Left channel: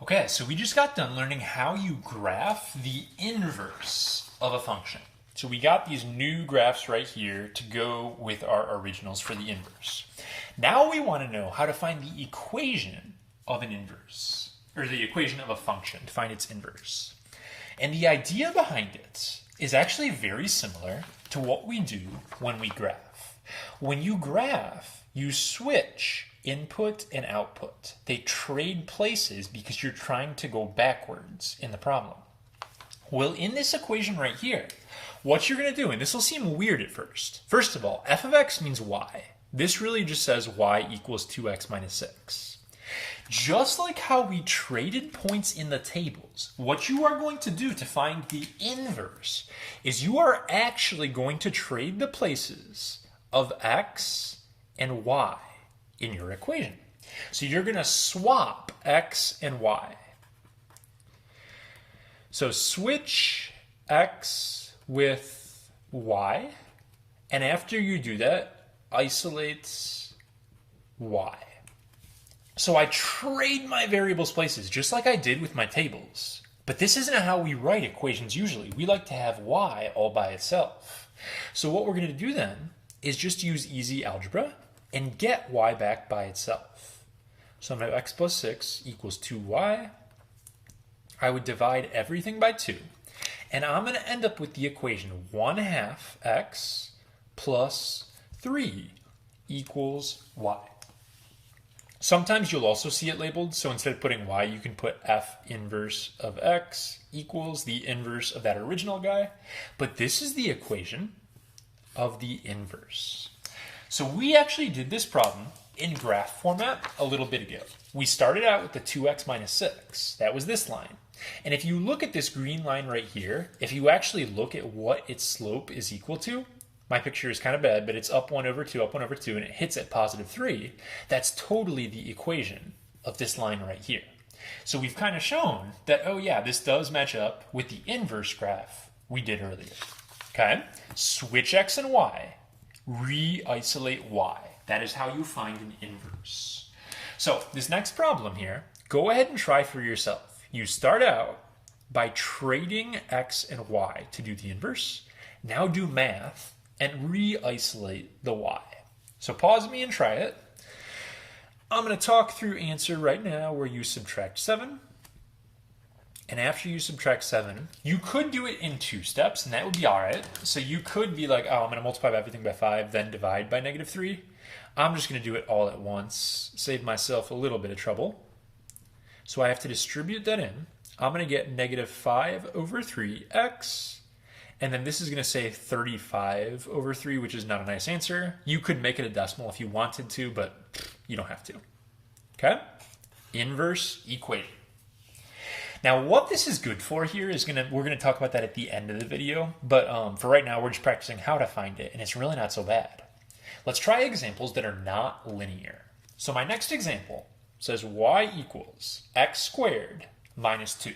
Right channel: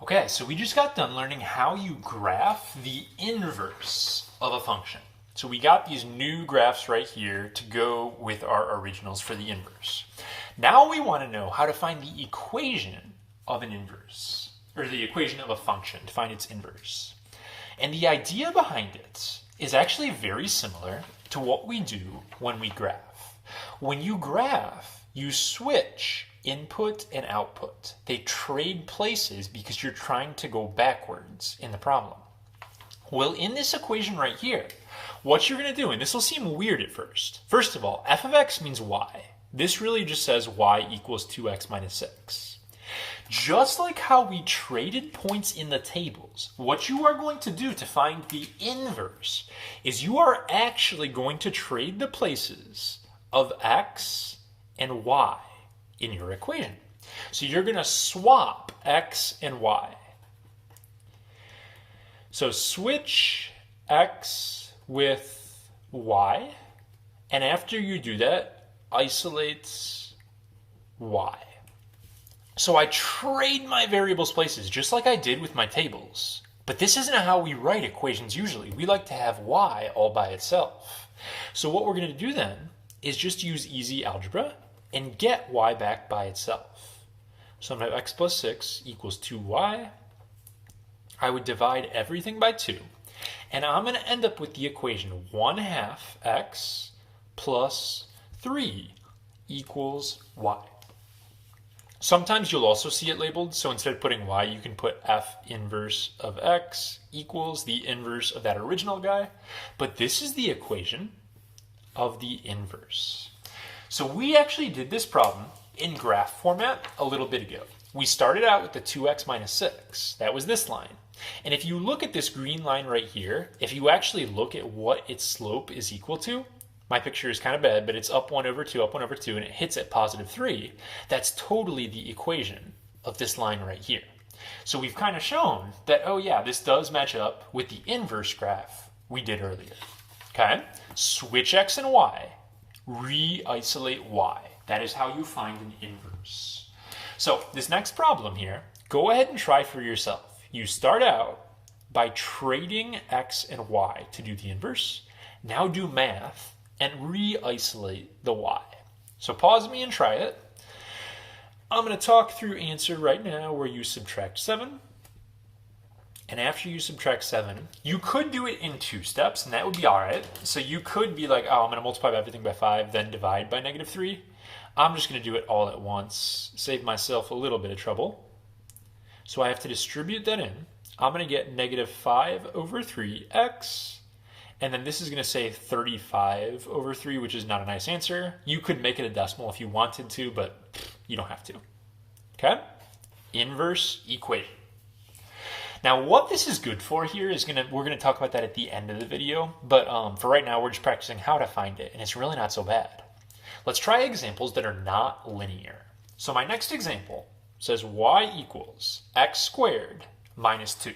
Okay, so we just got done learning how you graph the inverse of a function. So we got these new graphs right here to go with our originals for the inverse. Now we want to know how to find the equation of an inverse, or the equation of a function, to find its inverse. And the idea behind it is actually very similar to what we do when we graph. When you graph, you switch input and output. They trade places because you're trying to go backwards in the problem. Well, in this equation right here, what you're going to do, and this will seem weird at first. First of all, f of x means y. This really just says y equals 2x minus 6. Just like how we traded points in the tables, what you are going to do to find the inverse is you are actually going to trade the places of x and y in your equation. So you're going to swap x and y. So switch x with y, and after you do that, isolate y. So I trade my variables places just like I did with my tables. But this isn't how we write equations usually. We like to have y all by itself. So what we're going to do then is just use easy algebra and get y back by itself. So I'm going to have x plus 6 equals 2y. I would divide everything by 2. And I'm going to end up with the equation 1/2 x plus 3 equals y. Sometimes you'll also see it labeled, so instead of putting y, you can put f inverse of x equals the inverse of that original guy. But this is the equation of the inverse. So we actually did this problem in graph format a little bit ago. We started out with the 2x minus 6. That was this line. And if you look at this green line right here, if you actually look at what its slope is equal to, my picture is kind of bad, but it's up 1 over 2, and it hits at positive 3. That's totally the equation of this line right here. So we've kind of shown that, oh yeah, this does match up with the inverse graph we did earlier. Okay? Switch x and y. Re-isolate y. That is how you find an inverse. So this next problem here, go ahead and try for yourself. You start out by trading x and y to do the inverse. Now do math and re-isolate the y. So pause me and try it. I'm going to talk through answer right now where you subtract 7. And after you subtract 7, you could do it in 2 steps, and that would be all right. So you could be like, oh, I'm going to multiply everything by 5, then divide by negative 3. I'm just going to do it all at once, save myself a little bit of trouble. So I have to distribute that in. I'm going to get negative 5 over 3x. And then this is going to say 35 over 3, which is not a nice answer. You could make it a decimal if you wanted to, but you don't have to. Okay? Inverse equation. Now, what this is good for here is we're going to talk about that at the end of the video. But for right now, we're just practicing how to find it, and it's really not so bad. Let's try examples that are not linear. So my next example says y equals x squared minus 2.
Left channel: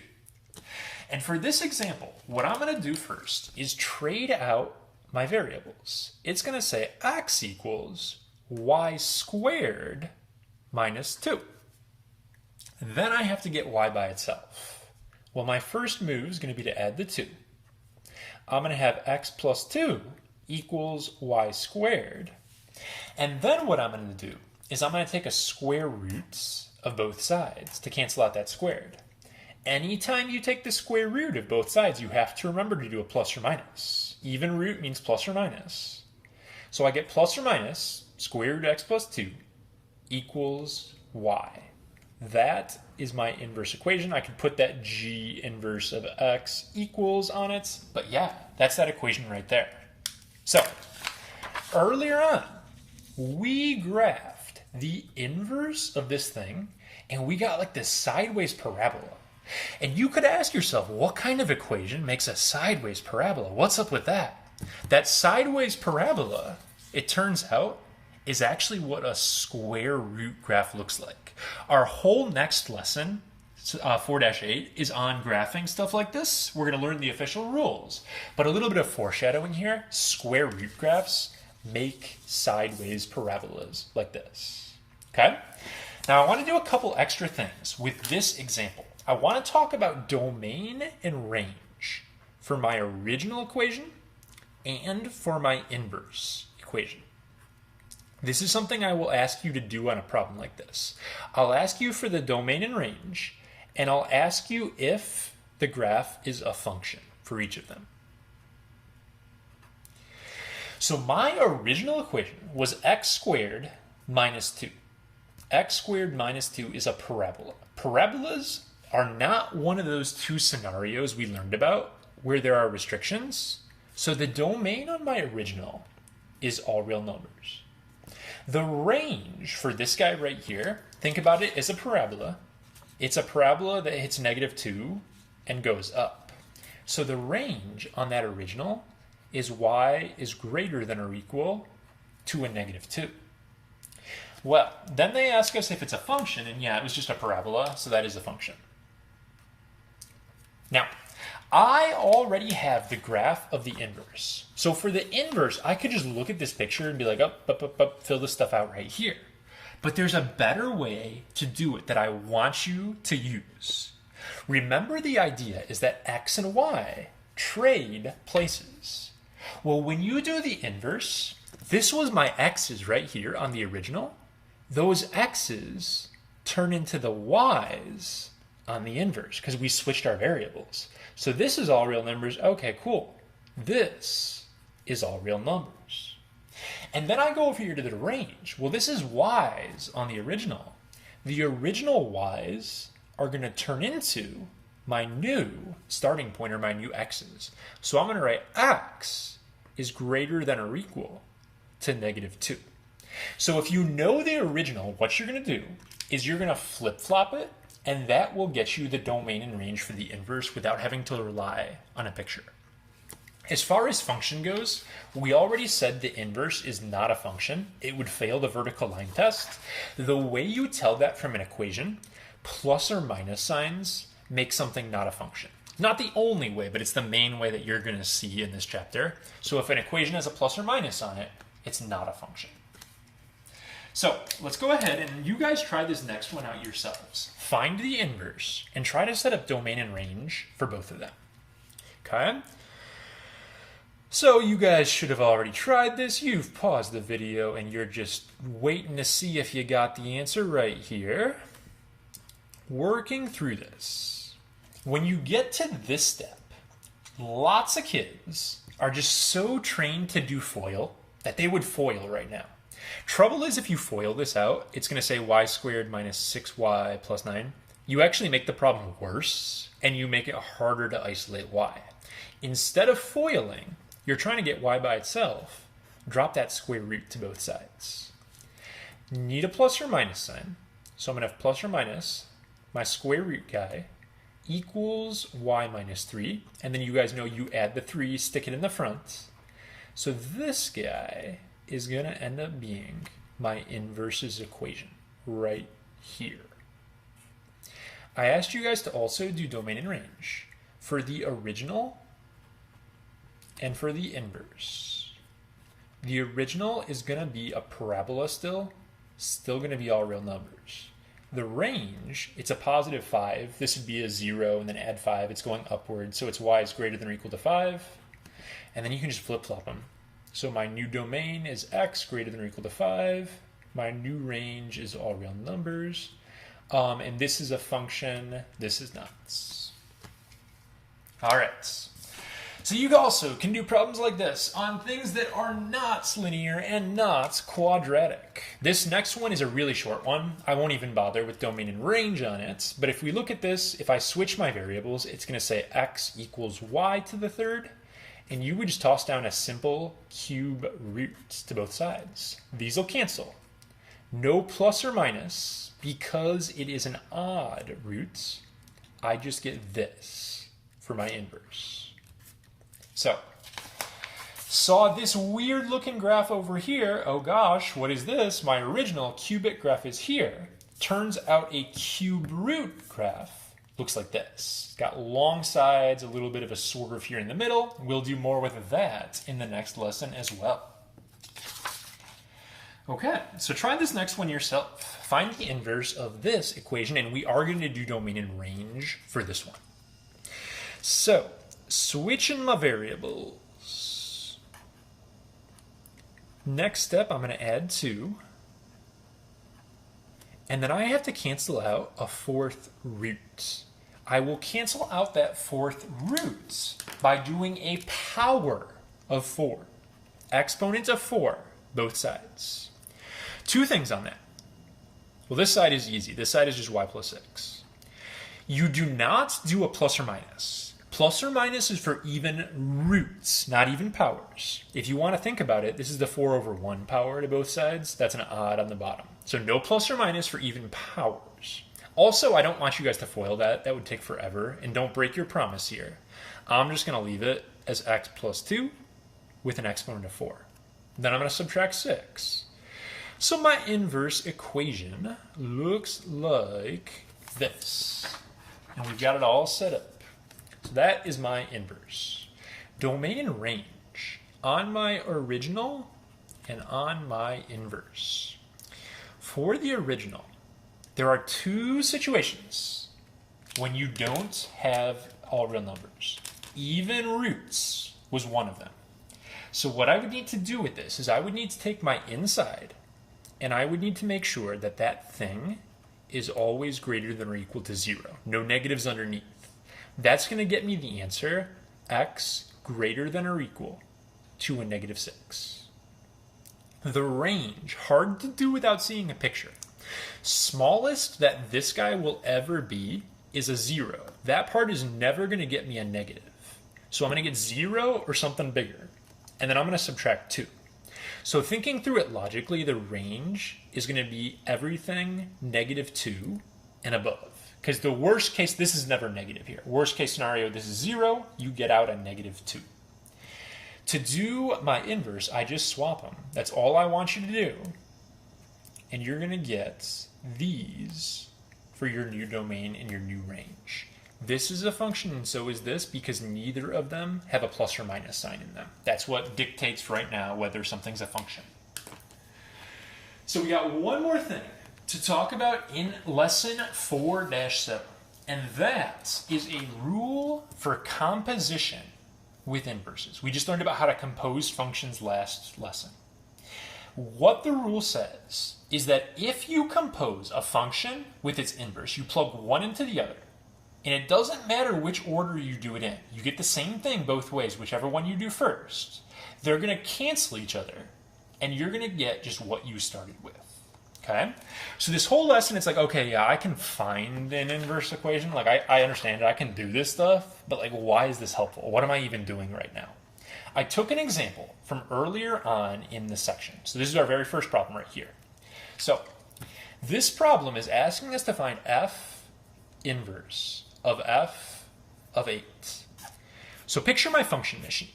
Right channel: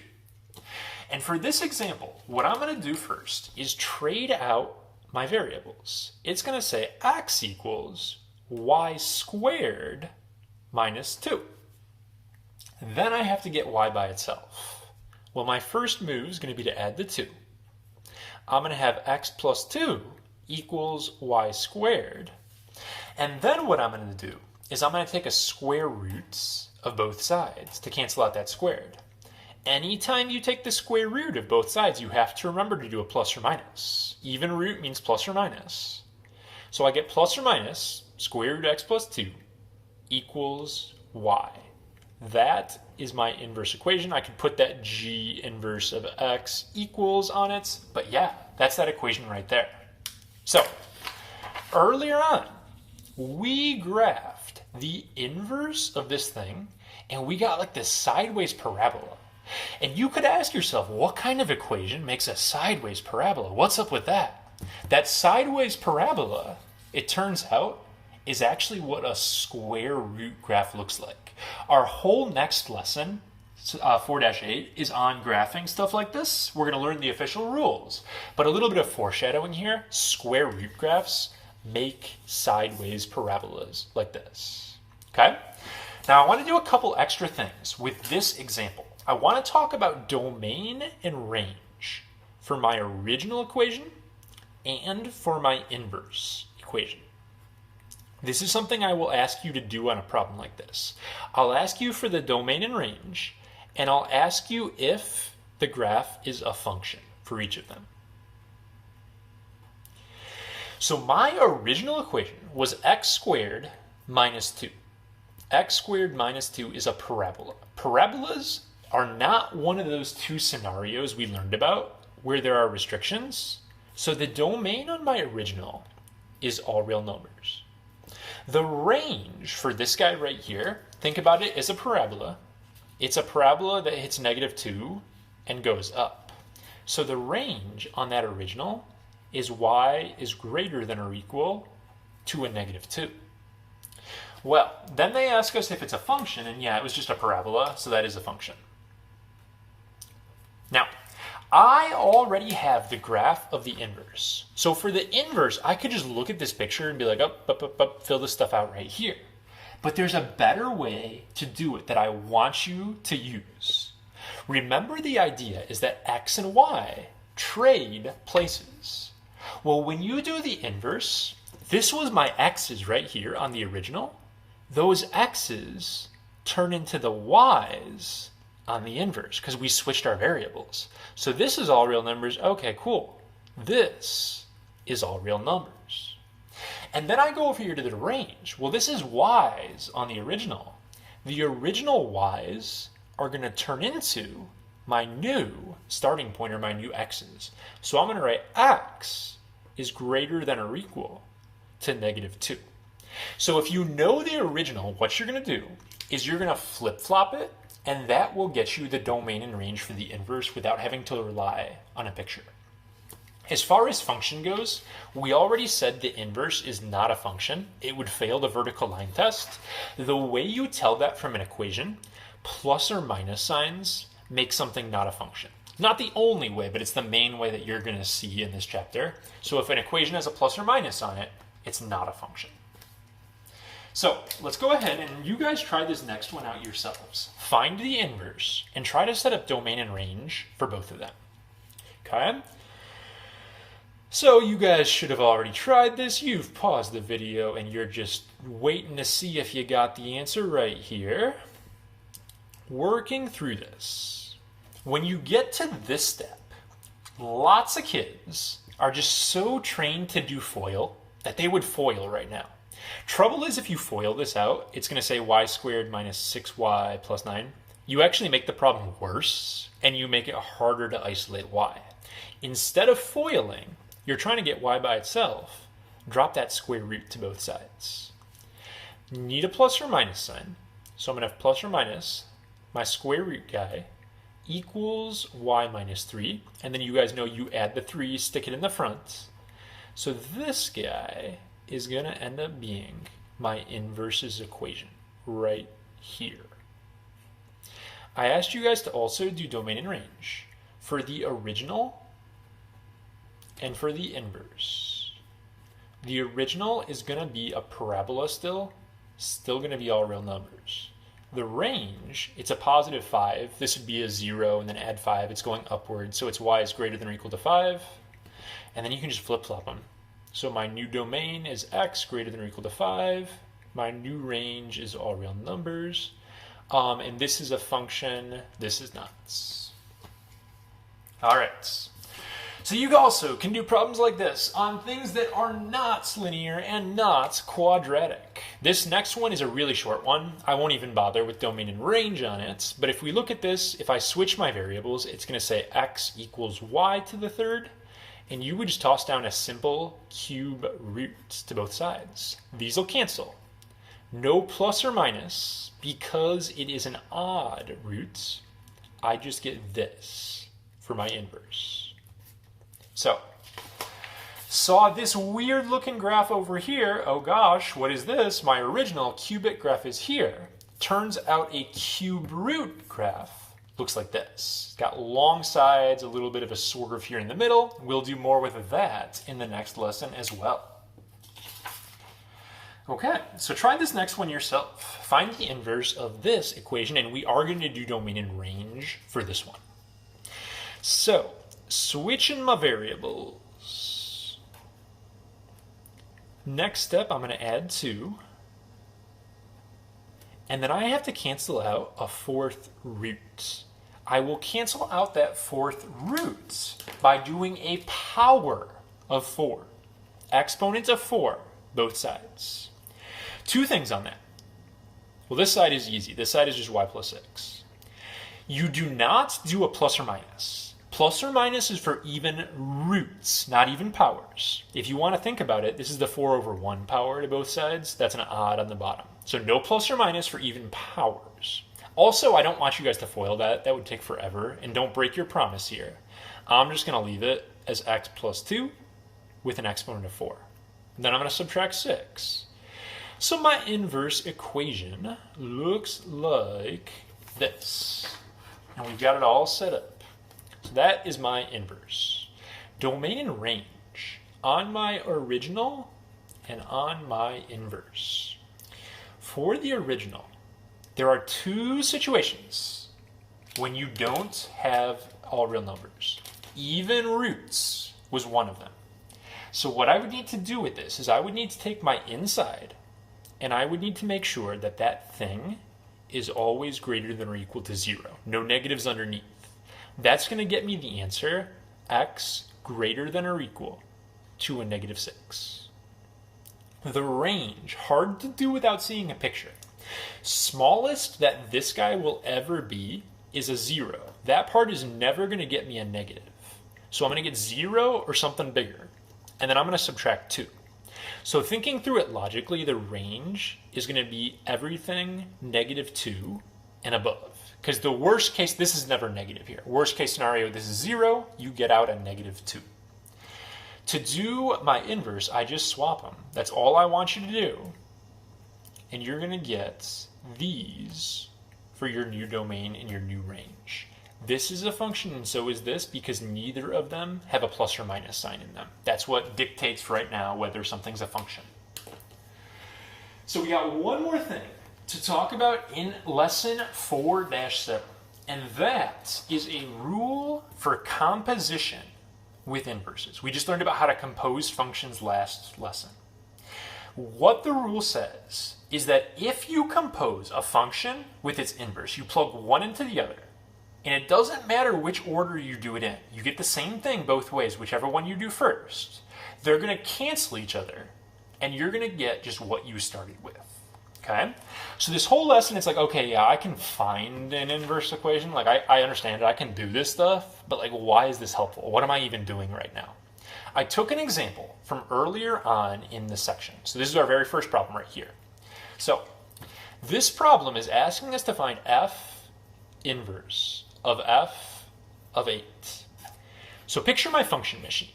And for this example, what I'm going to do first is trade out my variables. It's going to say x equals y squared minus 2. Then I have to get y by itself. Well, my first move is going to be to add the 2. I'm going to have x plus 2 equals y squared. And then what I'm going to do is I'm going to take a square root of both sides to cancel out that squared. Anytime you take the square root of both sides, you have to remember to do a plus or minus. Even root means plus or minus. So I get plus or minus square root x plus 2 equals y. That is my inverse equation. I could put that g inverse of x equals on it, but yeah, that's that equation right there. So earlier on, we graphed the inverse of this thing, and we got like this sideways parabola. And you could ask yourself, what kind of equation makes a sideways parabola? What's up with that? That sideways parabola, it turns out, is actually what a square root graph looks like. Our whole next lesson, 4-8, is on graphing stuff like this. We're going to learn the official rules. But a little bit of foreshadowing here, square root graphs make sideways parabolas like this. Okay? Now I want to do a couple extra things with this example. I want to talk about domain and range for my original equation and for my inverse equation. This is something I will ask you to do on a problem like this. I'll ask you for the domain and range, and I'll ask you if the graph is a function for each of them. So my original equation was x squared minus 2. X squared minus 2 is a parabola. Parabolas are not one of those two scenarios we learned about where there are restrictions. So the domain on my original is all real numbers. The range for this guy right here, think about it as a parabola. It's a parabola that hits -2 and goes up. So the range on that original is y is greater than or equal to a -2. Well, then they ask us if it's a function, and yeah, it was just a parabola, so that is a function. Now, I already have the graph of the inverse. So for the inverse, I could just look at this picture and be like, fill this stuff out right here. But there's a better way to do it that I want you to use. Remember, the idea is that x and y trade places. Well, when you do the inverse, this was my x's right here on the original. Those x's turn into the y's on the inverse because we switched our variables. So this is all real numbers. Okay, cool. This is all real numbers. And then I go over here to the range. Well, this is y's on the original. The original y's are going to turn into my new starting point, or my new x's. So I'm going to write x is greater than or equal to -2. So if you know the original, what you're going to do is you're going to flip-flop it, and that will get you the domain and range for the inverse without having to rely on a picture. As far as function goes, we already said the inverse is not a function. It would fail the vertical line test. The way you tell that from an equation, plus or minus signs make something not a function. Not the only way, but it's the main way that you're going to see in this chapter. So if an equation has a plus or minus on it, it's not a function. So let's go ahead and you guys try this next one out yourselves. Find the inverse and try to set up domain and range for both of them. Okay? So you guys should have already tried this. You've paused the video and you're just waiting to see if you got the answer right here. Working through this. When you get to this step, lots of kids are just so trained to do FOIL that they would FOIL right now. Trouble is, if you FOIL this out, it's going to say y squared minus 6y plus 9. You actually make the problem worse, and you make it harder to isolate y. Instead of FOILing, you're trying to get y by itself. Drop that square root to both sides. Need a plus or minus sign. So I'm going to have plus or minus my square root guy equals y minus 3. And then you guys know you add the 3, stick it in the front. So this guy is going to end up being my inverses equation right here. I asked you guys to also do domain and range for the original and for the inverse. The original is going to be a parabola still going to be all real numbers. The range, it's a positive 5. This would be a 0, and then add 5. It's going upward, so it's y is greater than or equal to 5. And then you can just flip-flop them. So my new domain is x greater than or equal to 5. My new range is all real numbers. And this is a function. This is not. All right. So you also can do problems like this on things that are not linear and not quadratic. This next one is a really short one. I won't even bother with domain and range on it. But if we look at this, if I switch my variables, it's going to say x equals y to the third. And you would just toss down a simple cube root to both sides. These will cancel. No plus or minus, because it is an odd root. I just get this for my inverse. So, saw this weird looking graph over here. Oh gosh, what is this? My original cubic graph is here. Turns out a cube root graph looks like this. It's got long sides, a little bit of a swerve here in the middle. We'll do more with that in the next lesson as well. Okay, so try this next one yourself. Find the inverse of this equation, and we are going to do domain and range for this one. So, switching my variables. Next step, I'm going to add 2. And then I have to cancel out a fourth root. I will cancel out that fourth root by doing a power of 4. Exponent of 4, both sides. 2 things on that. Well, this side is easy. This side is just y plus 6. You do not do a plus or minus. Plus or minus is for even roots, not even powers. If you want to think about it, this is the 4 over 1 power to both sides. That's an odd on the bottom. So no plus or minus for even powers. Also, I don't want you guys to FOIL that. That would take forever. And don't break your promise here. I'm just going to leave it as x plus 2 with an exponent of 4. Then I'm going to subtract 6. So my inverse equation looks like this. And we've got it all set up. So that is my inverse. Domain and range on my original and on my inverse. For the original, there are 2 situations when you don't have all real numbers. Even roots was one of them. So what I would need to do with this is I would need to take my inside and I would need to make sure that that thing is always greater than or equal to 0. No negatives underneath. That's going to get me the answer x greater than or equal to a negative 6. The range, hard to do without seeing a picture. Smallest that this guy will ever be is a 0. That part is never going to get me a negative. So I'm going to get 0 or something bigger. And then I'm going to subtract 2. So thinking through it logically, the range is going to be everything negative 2 and above. Because the worst case, this is never negative here. Worst case scenario, this is 0. You get out a negative 2. To do my inverse, I just swap them. That's all I want you to do. And you're going to get these for your new domain and your new range. This is a function and so is this because neither of them have a plus or minus sign in them. That's what dictates right now whether something's a function. So we got one more thing to talk about in lesson 4-7. And that is a rule for composition with inverses. We just learned about how to compose functions last lesson. What the rule says is that if you compose a function with its inverse, you plug one into the other, and it doesn't matter which order you do it in. You get the same thing both ways, whichever one you do first. They're going to cancel each other, and you're going to get just what you started with. Okay? So this whole lesson, it's like, okay, yeah, I can find an inverse equation. Like, I understand it. I can do this stuff. But, like, why is this helpful? What am I even doing right now? I took an example from earlier on in the section. So this is our very first problem right here. So this problem is asking us to find f inverse of f of 8. So picture my function machine.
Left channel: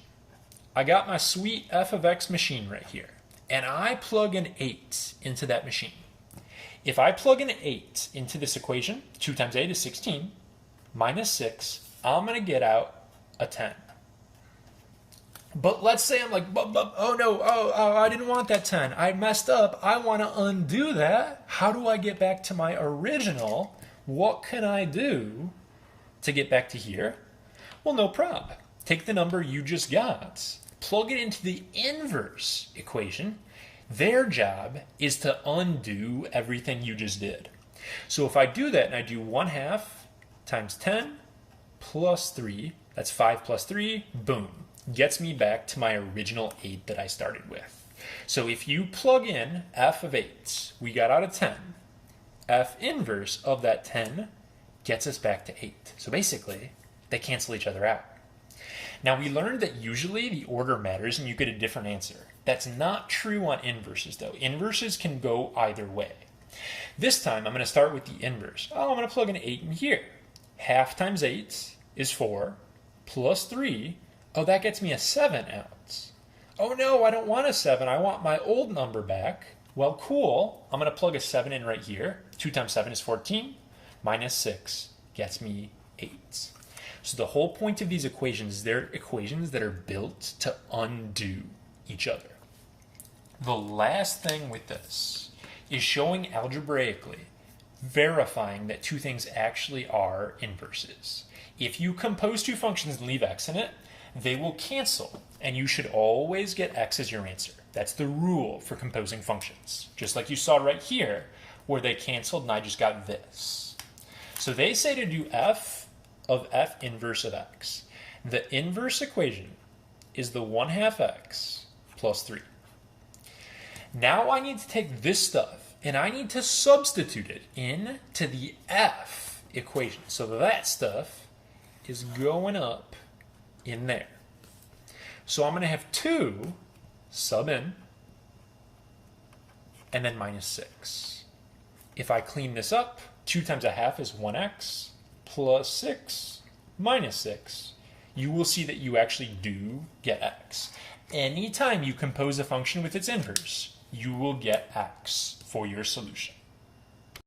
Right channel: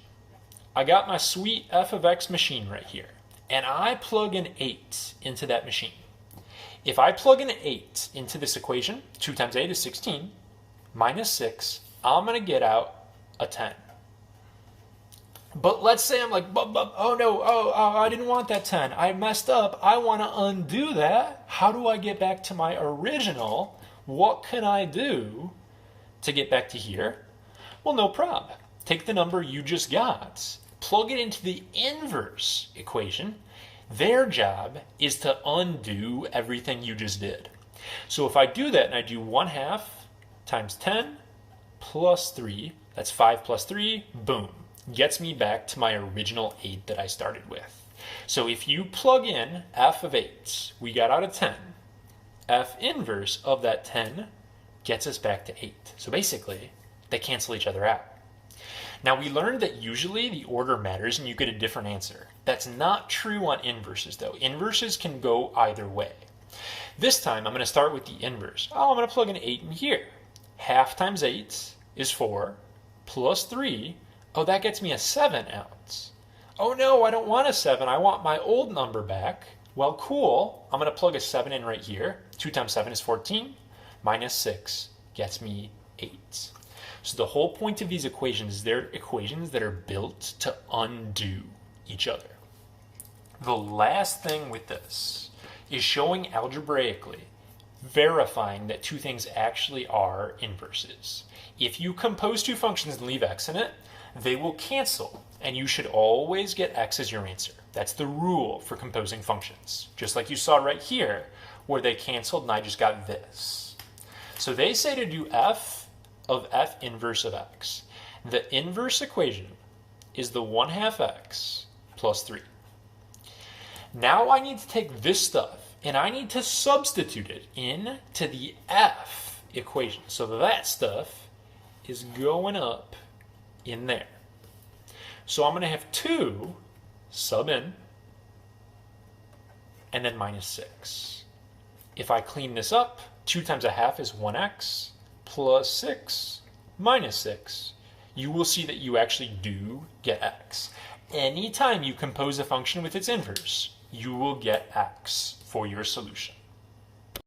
I got my sweet f of x machine right here. And I plug an 8 into that machine. If I plug an 8 into this equation, 2 times 8 is 16, minus 6, I'm going to get out a 10. But let's say I'm like, oh no, I didn't want that 10. I messed up. I want to undo that. How do I get back to my original? What can I do to get back to here? Well, no problem. Take the number you just got, plug it into the inverse equation. Their job is to undo everything you just did. So if I do that and I do 1/2 times 10 plus 3, that's 5 plus 3, boom, gets me back to my original 8 that I started with. So if you plug in f of 8, we got out a 10. F inverse of that 10 gets us back to 8. So basically, they cancel each other out. Now we learned that usually the order matters and you get a different answer. That's not true on inverses though. Inverses can go either way. This time I'm going to start with the inverse. I'm going to plug an 8 in here. 1/2 times 8 is 4 plus 3. Oh, that gets me a 7 out. Oh no, I don't want a 7. I want my old number back. Well, cool. I'm going to plug a 7 in right here. 2 times 7 is 14. Minus 6 gets me 8. So the whole point of these equations is they're equations that are built to undo each other. The last thing with this is showing algebraically, verifying that two things actually are inverses. If you compose two functions and leave x in it, they will cancel, and you should always get x as your answer. That's the rule for composing functions, just like you saw right here, where they canceled and I just got this. So they say to do f of f inverse of x. The inverse equation is the 1/2 x plus 3. Now I need to take this stuff and I need to substitute it into the f equation. So that stuff is going up in there. So I'm going to have 2 sub in and then minus 6. If I clean this up, 2 times 1/2 is 1x plus 6 minus 6. You will see that you actually do get x. Anytime you compose a function with its inverse, you will get x for your solution.